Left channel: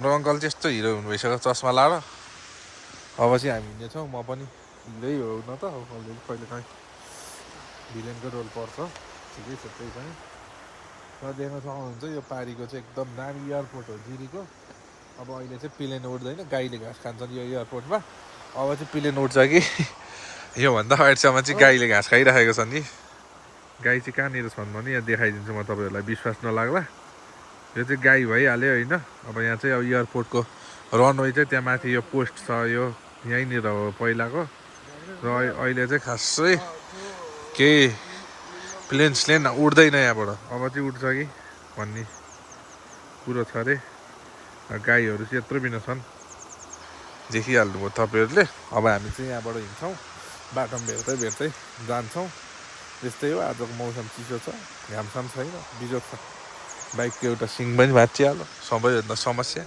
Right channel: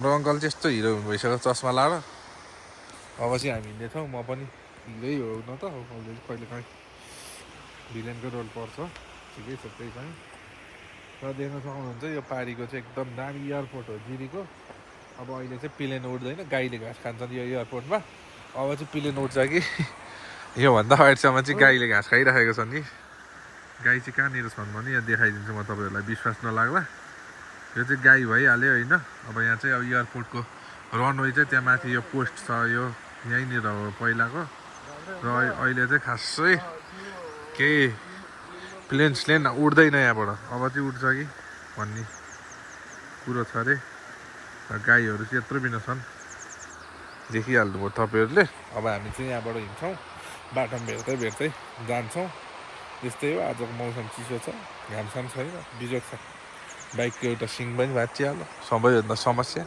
हाम्रो अङ्कल चाहिँ यस्तो हिरो हुनु भइसक्यो चस्मा लाएर अब चाहिँ हामी हिँड्नेछौँ म पनि हिँड्दै हो न त अलरेडी कहिले काहीँ भिलेनको रोल पर्छ ठिकै छ त्यही पनि र देख्न सक्नुहुन्छ यो पारीको चाहिँ एकदम दामी एयरपोर्ट हो जिरीको अब अहिले चाहिँ प्लेन उड्दैन गाईले घाँस खान्छन् यो एयरपोर्टमा अब चाहिँ प्लेन उड्छ कि योभन्दा अगाडिसम्म चाहिँ गाईले घाँस खाइराखेको छ नि गाई चाहिँ कहाँनिर छन् भने यहाँ देखाइदिन्छु म तपाईँहरूलाई विश्वास नलाग्ला यो चाहिँ गाई भइहाल्यो होइन अब यहाँ चाहिँ अब एयरपोर्टको रनवे चाहिँ त्यहाँ माथि यो पोस्ट छ यो यहीँनिर हो पहिलाको र अहिले चाहिँ खासै केही प्लेन उड्दैन यहाँबाट अब चाहिँ उड्छ कि भन्ने कुरो छ अरे गाईहरू चाहिँ यत्रो बिना छन् देखिहाल्नुभयो तपाईँहरूले अब हामी चाहिँ यहाँबाट हिँड्छौँ बाटोमा भेट्दै जान्छौँ त्यस्तै हो आजको मौसम चिसो छ घामसाम छैन बिजोग छ बाइकको एउटा सिङ पनि भाँचिहाल्यो सबैभन्दा समस्या